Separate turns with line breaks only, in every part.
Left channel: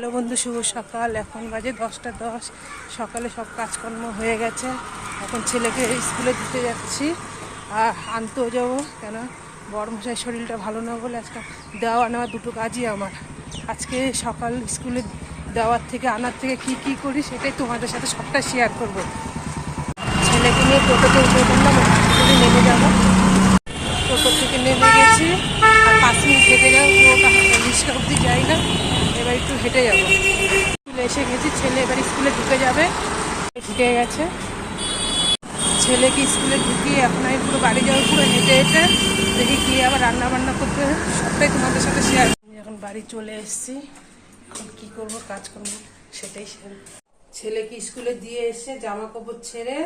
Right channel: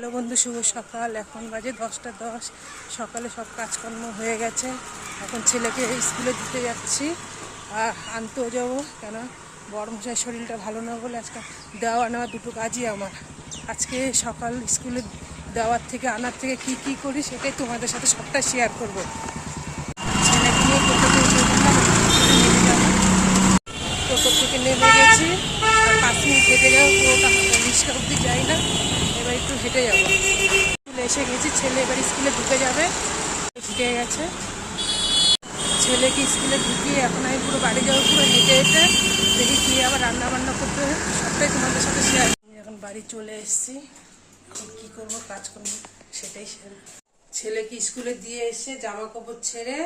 Hello বন্ধু, শুভ সকাল। এখন বাজে দশটা দশ। সকালে সব কাজকর্ম হয়ে গেছে। এখন ছেলেকে স্কুলে দিতে যাচ্ছি। আর আনতেও যাব কেন? বড় মশাই শরীরটা ভালো না বলে আজকে দেওয়া নেওয়া দুটো কাজই আমার। আজকে সকাল স্কুলে দেওয়ার থেকে, আনার থেকে কি কি করি সেটাই তোমাদের সাথে সবটা শেয়ার করব। ছেলেকে নিয়ে টোটোতে উঠে নেমে যাব। টোটো থেকে নেমে গেছি, আর পাঁচ মিনিট হেঁটে লিস্ট অব্দি যাই না। এবার একটু হেঁটে যাব। স্কুলে এসে গেছি, ছেলে এবার স্কুলে ঢুকে যাবে। ঢুকে গেছে। ছেলেকে স্কুলে ঢুকিয়ে এখন আমি পুরো বাড়ি যাব, পুরো হেঁটে হেঁটে। দেখি গিয়ে আবার রান্না বান্না করতে সবটাই তোমাদের সাথে শেয়ার এখন বাড়ি চলে এসেছি। এখন কী করব কাজ করব। সেটাই ছেলেকে স্কুলে দিয়ে এসে জামা কাপড় ছেড়ে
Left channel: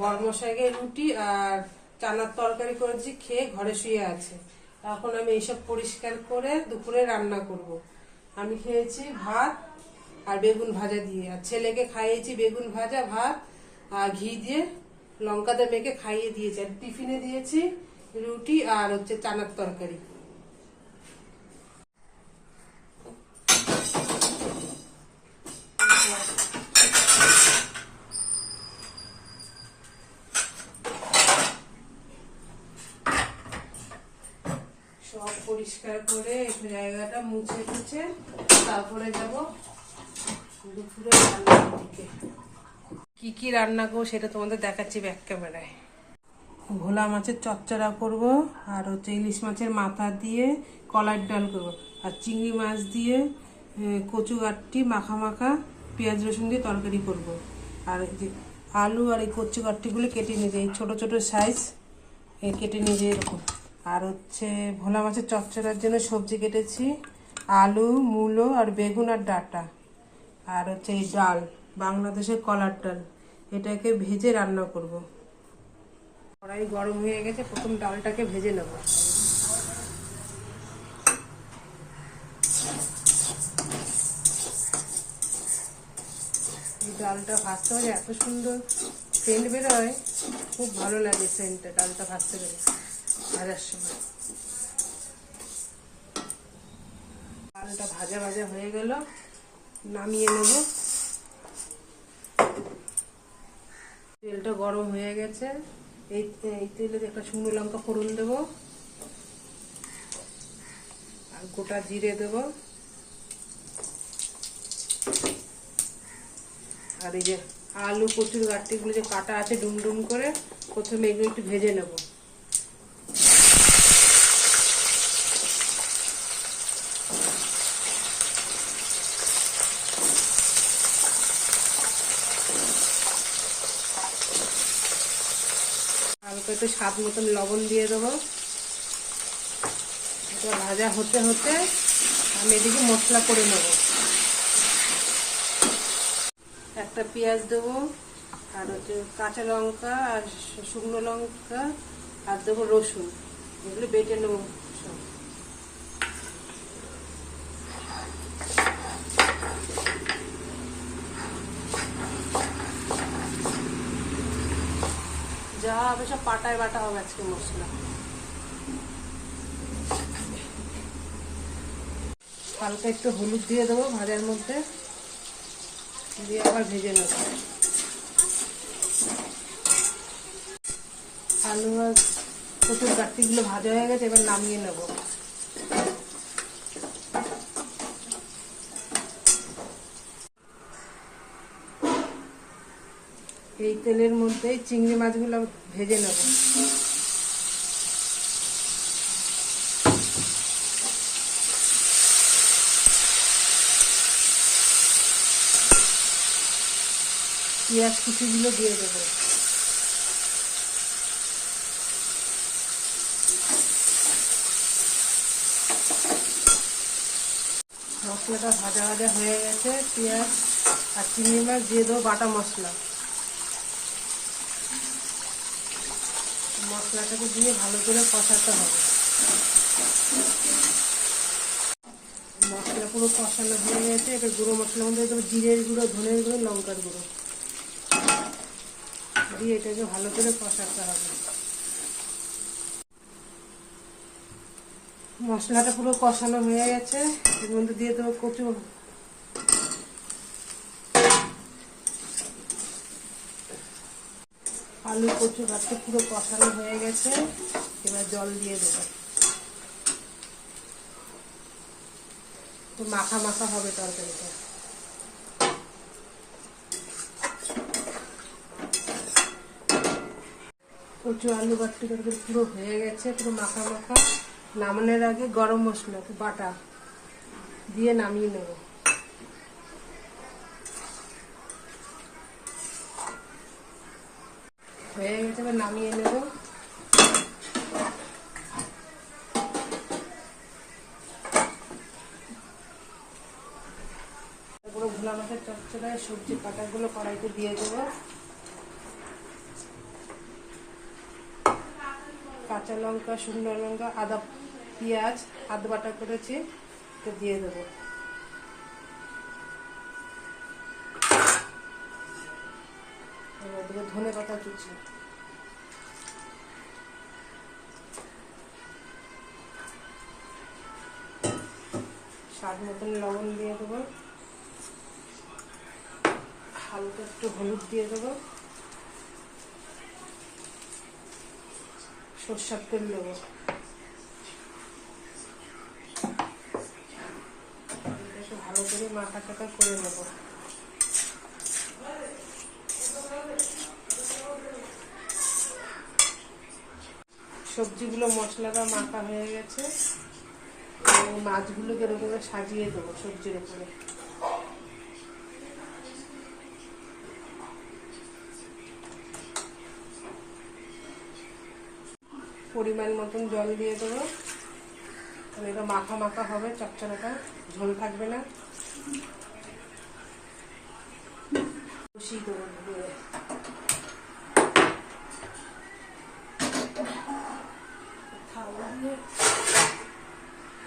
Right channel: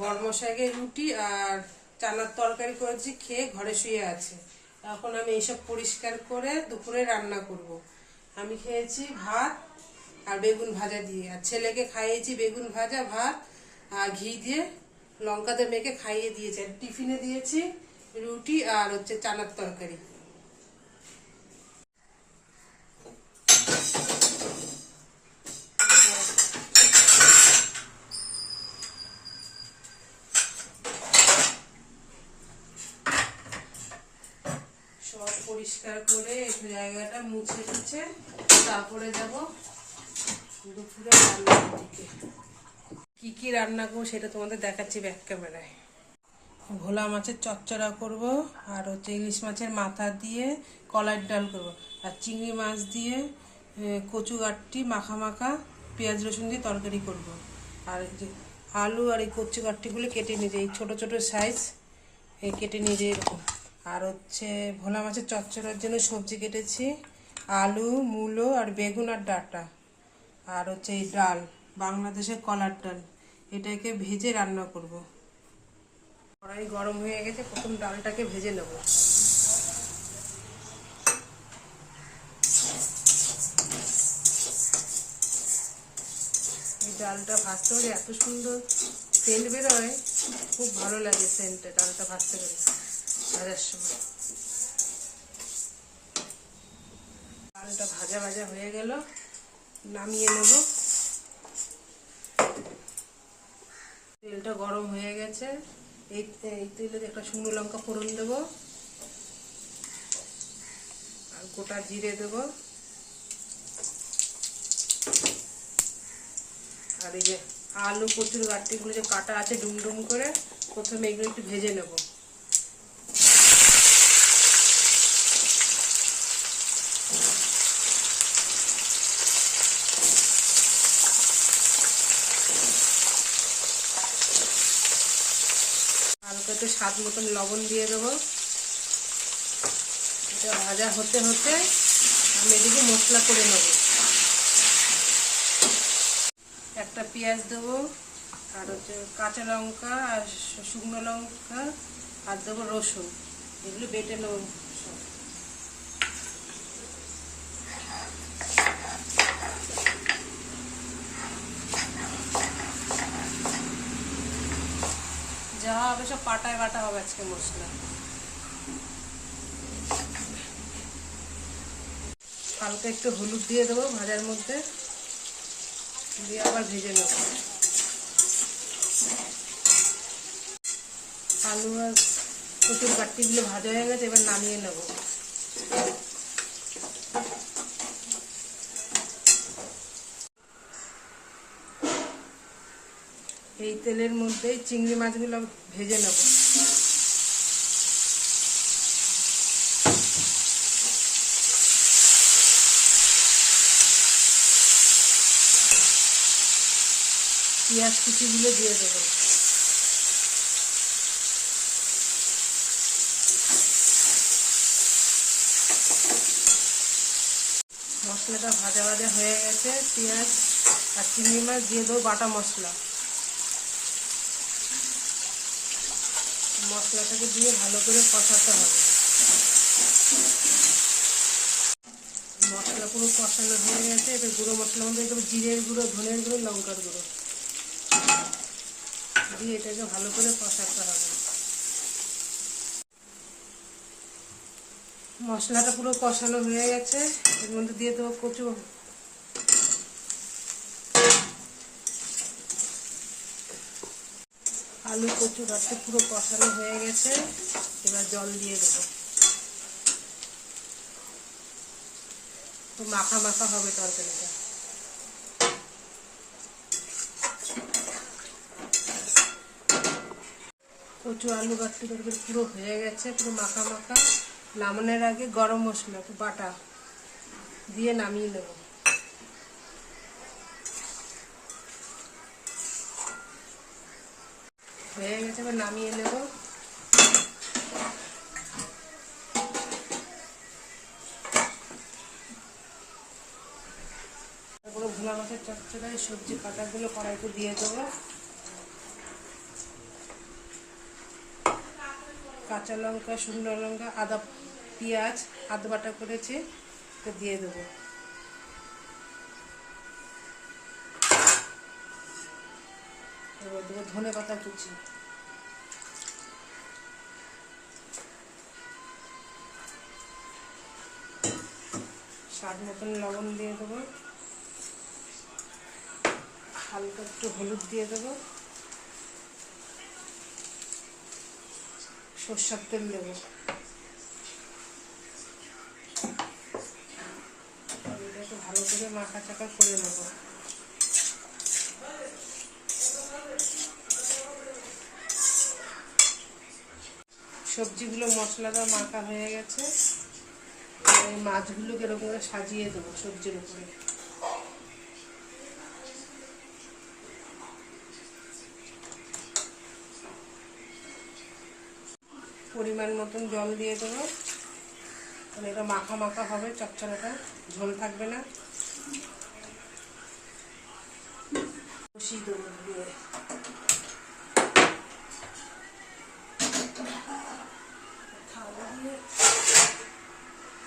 বর্মশাইকে রুটি আর চানার তরকারি করেছি, খেয়ে ঘরে শুয়ে আছে। এখন আমি এইসব পরিষ্কার করে দুপুরে রান্না করব। আমি খেয়েছি ভাত আর বেগুন ভাজা দিয়ে। আর ছেলেকে খাইয়েছি বেগুন ভাজা, ভাত আর ঘি দিয়ে। লঙ্কাতে মেখে খাইয়ে দিয়েছি। আর টিফিনে দিয়েছি রুটি আর হচ্ছে চানার তরকারি সব পরিষ্কার করে জায়গাটা মুছে টুছে তারপরে যাব দুপুরে কি কি রান্না করব সেটা তোমাদের দেখাচ্ছি ব্যাক ক্যামেরায় ভোলা মাছের চচ্চড়া করব আর হচ্ছে ইলিশ মাছের মাথা দিয়ে কলার ডাল করব। আর চিংড়ি মাছ দিয়ে কচু গাঠটি মাখা মাখা, পেঁয়াজ রসুন দিয়ে তরকারি করব। আর আলু আর এই কচু গাঠটিগুলো কেটে নিয়েছে এই ছোট ছোট সাইজ কেটে নিয়েছে এরকম। আর হচ্ছে ভোলা মাছের চচ্চড়ার জন্য সবজি কেটেছি, আলু, মূলো আর বেগুন আর ডাটা। আর হচ্ছে এই ডাল বাংলাদেশের কলার ডাল, এটাকে ভেজে রান্না করব। কড়াই গরম হয়ে গেছে, প্রথম ডালটাকে ভেজে নেব। ডালটা ভাজতে হলে এত সুন্দর সেন্ট বেরোয়, খুব ভালো লাগে সেন্টটা ডালটা ভাজতে গেলে। ভাজার সময়। ডালটা ভাজা ভাজা হয়ে গেল, নামিয়ে নেব। তেলটা গরম হয়ে গেছে। এই এই তেলে একটা শুকনো লঙ্কা ফোড়ন দেবো। আর গোটা জিরে দেব। আর এই যে আলু কচুর গাঠটিগুলো যে কাটা আছে ডুম ডুম করে, প্রথমে এগুলো একটু ভেজে নেব হালকা একটু স্বাদ মতন লবণ দিয়ে দেবো। এটা ভাজা হতে হতে আমি এদিকে মশলা করে নেব। একটা পেঁয়াজ দেবো, আর হচ্ছে কাঁচা লঙ্কা আর শুকনো লঙ্কা, আর দেবো রসুন। এগুলো বেটে নেব যা হবে সব পাটায় বাটা হবে আজকে মশলা। হালকা একটু হলুদ দিয়ে দেবো ভাজার মধ্যে। দিয়ে আবার ভেজে নেব। আলু আর প্রচুর কাটপিগুলো ভাজা হয়ে গেছে, এবার নামিয়ে নেব। এই তেলের মধ্যেই চিংড়ি মাছগুলো ভেজে নেব। পেঁয়াজ কুচিগুলো দিয়ে দেবো। মশলাটা ভাজা ভাজা হয়ে গেছে, পেঁয়াজ আর চিংড়ি মাছ দিয়ে দেবো বাটা মশলা। মশলাটাকে দিয়ে ভালো করে কষাতে হবে। মশলা পুরো কষানো হয়ে গেছে। এটা গুঁড়ো মশলার মধ্যে দেবো জিরের গুঁড়ো, ধনের গুঁড়ো, লঙ্কার গুঁড়ো। দিয়ে এটাকে ভালো করে কষাতে হবে। মশলাটা পুরো কষানো হয়ে গেছে। এর মধ্যে দিয়ে দেবো কচু আলু কচু গাছটা পুরো কষানো হয়ে গেছে, এবার জল দিয়ে দেবো। তো মাখা মাখা হবে তরকারিটা। কচু আলু বাট্টি তরকারি পুরো হয়ে গেছে, পুরো মাখা মাখা। নামানোর আগে গরম মশলা বাটা দিয়ে নামিয়ে নেব। হয়ে গেছে, এবার নামিয়ে নেব। পুরো ভোলা মাছের চচ্চড়ায় সবজি কাটাগুলো কড়াইতে দিয়ে দেবো। কাঁচা লঙ্কা, শুকনো লঙ্কা, আদা, পেঁয়াজ, আদা বাটা করেছি তো দিয়ে দেবো। দেবো ধনে পাতা কুচি। স্বাদ মতন লবণ দিয়ে দেবো। হালকা একটু হলুদ দিয়ে দেবো। সর্ষার তেল দেবো। ভালো করে মাখা টাকা করে নেব। সবজিগুলো মশলাটা মাখা হয়ে গেছে। এবার মাছগুলো এরকম সাজিয়ে দেবো সবজির উপরে পরিমাণ মতন জল দিয়ে দেবো। তাহলে এটা মাখা মাখা হবে চচ্চড়াটা ঝোল থাকবে না। বসিয়ে দেবো।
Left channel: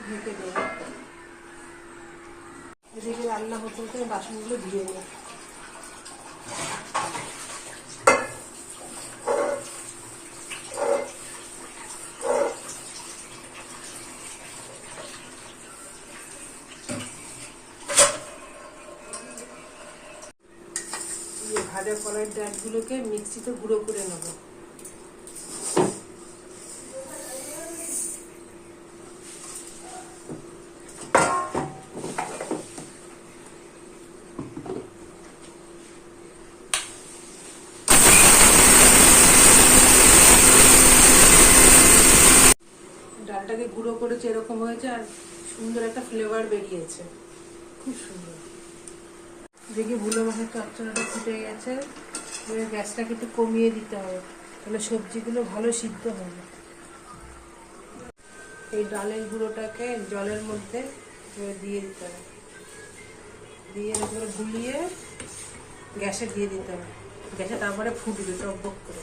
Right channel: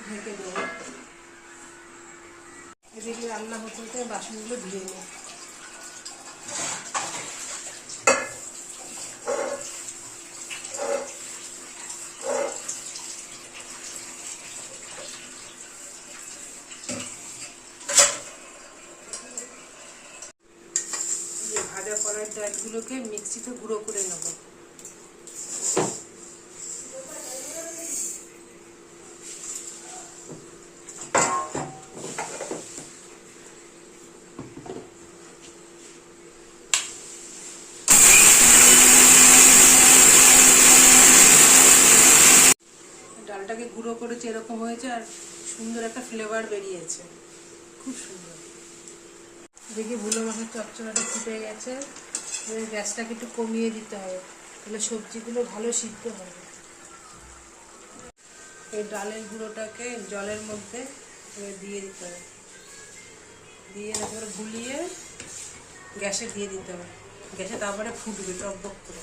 ঢেকে দেবো এদিকে রান্না হতে হতে বাসনগুলো ধুয়ে নেব ভাজা করার ডালগুলোকে মিক্সিতে গুঁড়ো করে নেব ডালটাকে গুঁড়ো করেছে এরকম হয়েছে আর সুন্দর একটা ফ্লেভার বেরিয়েছে। খুব সুন্দর। দেখি ভুলো মাছের চচ্চড়াটা ফুটে গেছে। গ্যাসটাকে একটু কমিয়ে দিতে হবে। তাহলে সবজিগুলো ভালো সিদ্ধ হবে। এই ডালের গুঁড়োটাকে জলের মধ্যে দিয়ে দিতে হবে। দিয়ে এবার গুলিয়ে গ্যাসে দিয়ে দিতে হবে। গ্যাসে তারপরে ফুটবে টকবক করে।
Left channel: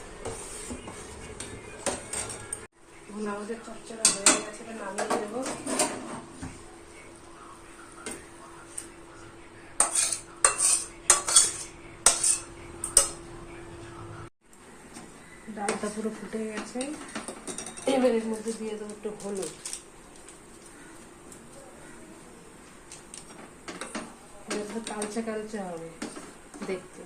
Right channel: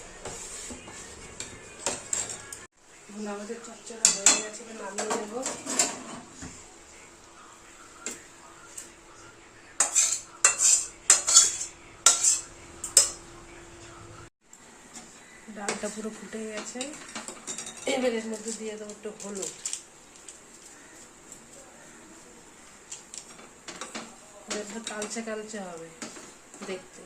নামিয়ে ডালটা পুরো ফুটে গেছে। এবার এর মধ্যে দিয়ে দেবো একটু হলুদ। কালচে কালচে হবে দেখতে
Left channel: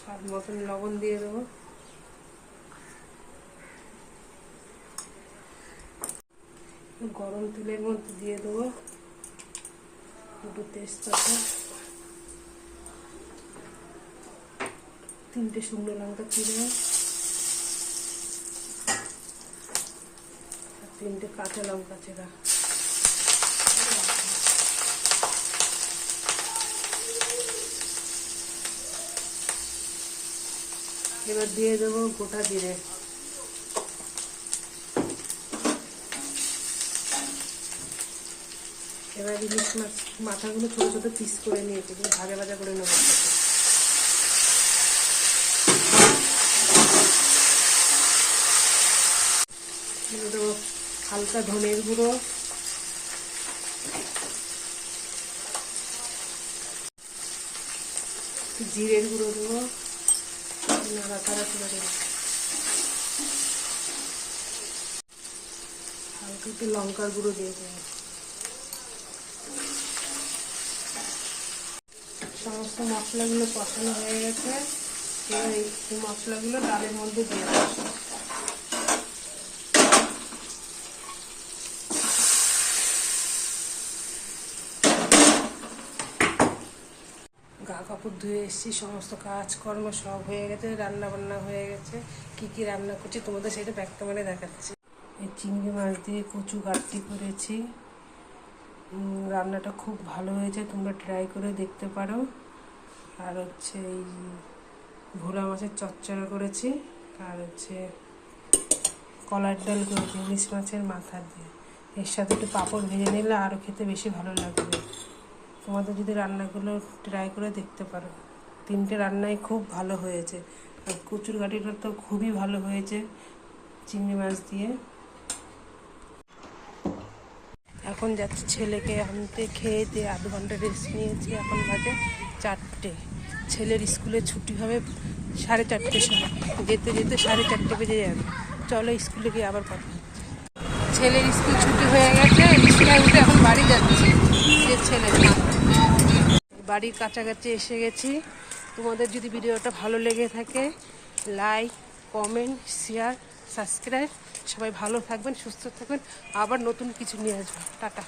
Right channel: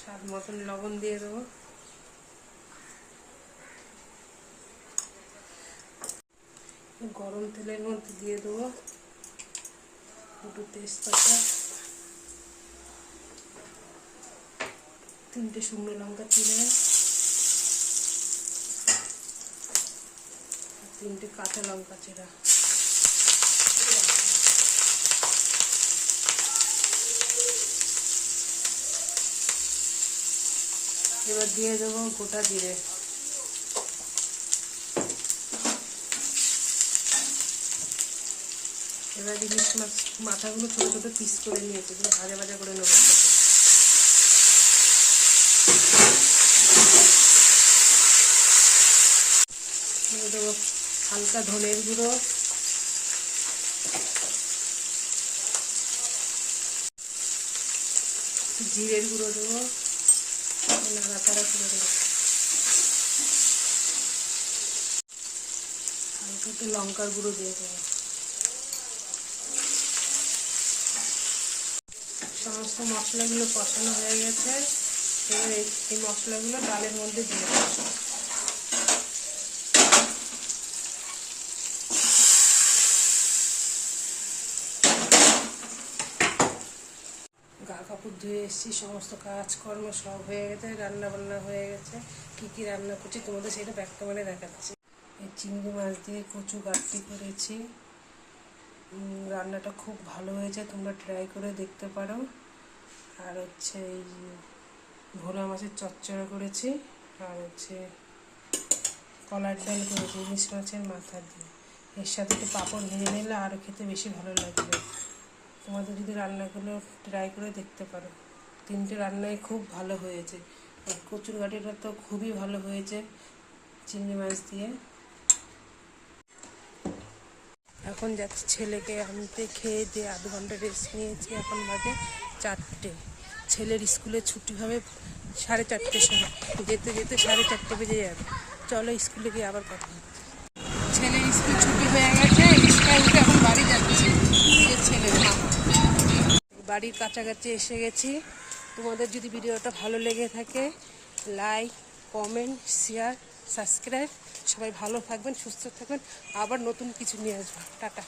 স্বাদ মতন লবণ দিয়ে দেবো। গরম তেলের মধ্যে দিয়ে দেবো দুটো তেজপাতা, তিনটে শুকনো লঙ্কা চিড়ে তিনটে কাঁচা লঙ্কা চেরা এবার দিয়ে দেবো গোটা জিরে। এবার ইলিশ মাছ, মাথাগুলো ছোটো ছোটো পিস করে নিয়েছি ভাজা ভাজা করে নেব। দেবো হালকা ধনের গুঁড়ো। জিরের গুঁড়ো দেবো। দেবো হালকা একটু লঙ্কার গুঁড়ো দিয়ে দেবো। সমস্ত মশলাগুলো কষানো হয়ে গেছে। এবার এই মশলাগুলো ডালের মধ্যে দিয়ে দেবো। কাপড় ধুয়ে এসেছি, সমস্ত কাজকর্ম সব হয়ে গেছে রান্না বান্না হয়ে গেছে, কি কি রান্না করছি তোমাদের সেটা ব্যাক ক্যামেরা দেখাচ্ছি। এই চিংড়ি মাছ দিয়ে কচু গাঁটটি করেছি। রান্নাটা খুব ভালো হয়েছে, তোমরা ট্রাই করে দেখতে পারো। আর হচ্ছে এই ভোলা মাছের চচ্চড়া করেছি, আর হচ্ছে কলার ডাল করেছি, ইলিশ মাছের মাথা দিয়ে। এর সাথে একটু পাঁপড় ভেজে নিলে আরও খেতে বেশি ভালো লাগবে। তোমাদের যদি রান্নাগুলো ট্রাই করে দেখতে পারো। তিনটে রান্নাই খুব ভালো হয়েছে। আর কচুর গাঠিটা তো খুবই ভালো হয়েছে চিংড়ি মাছ দিয়ে। এখন যাচ্ছি ছেলেকে আনতে, খেয়ে দিয়ে আধ ঘণ্টা রেস্ট নিয়েছি এখন বাজে চারটে। ছেলের স্কুলে ছুটি হবে সাড়ে চারটের সময়। যেতে যেতে সাড়ে চারটে বেজে যাবে। চলো স্কুলে গিয়ে আবার কথা ছেলের স্কুল ছুটি হয়ে গেছে রিক্সায় উঠে এখন বাড়ি যাচ্ছি ছেলে বাড়ির কাছাকাছি এসে গেছি। তোমাদের যদি ভিডিওটা ভালো লেগে থাকে লাইক কমেন্ট শেয়ার সাবস্ক্রাইব সবাই ভালো থাকবেন, সুস্থ থাকবেন। আবার নতুন কিছু নিয়ে আসবেন টাটা।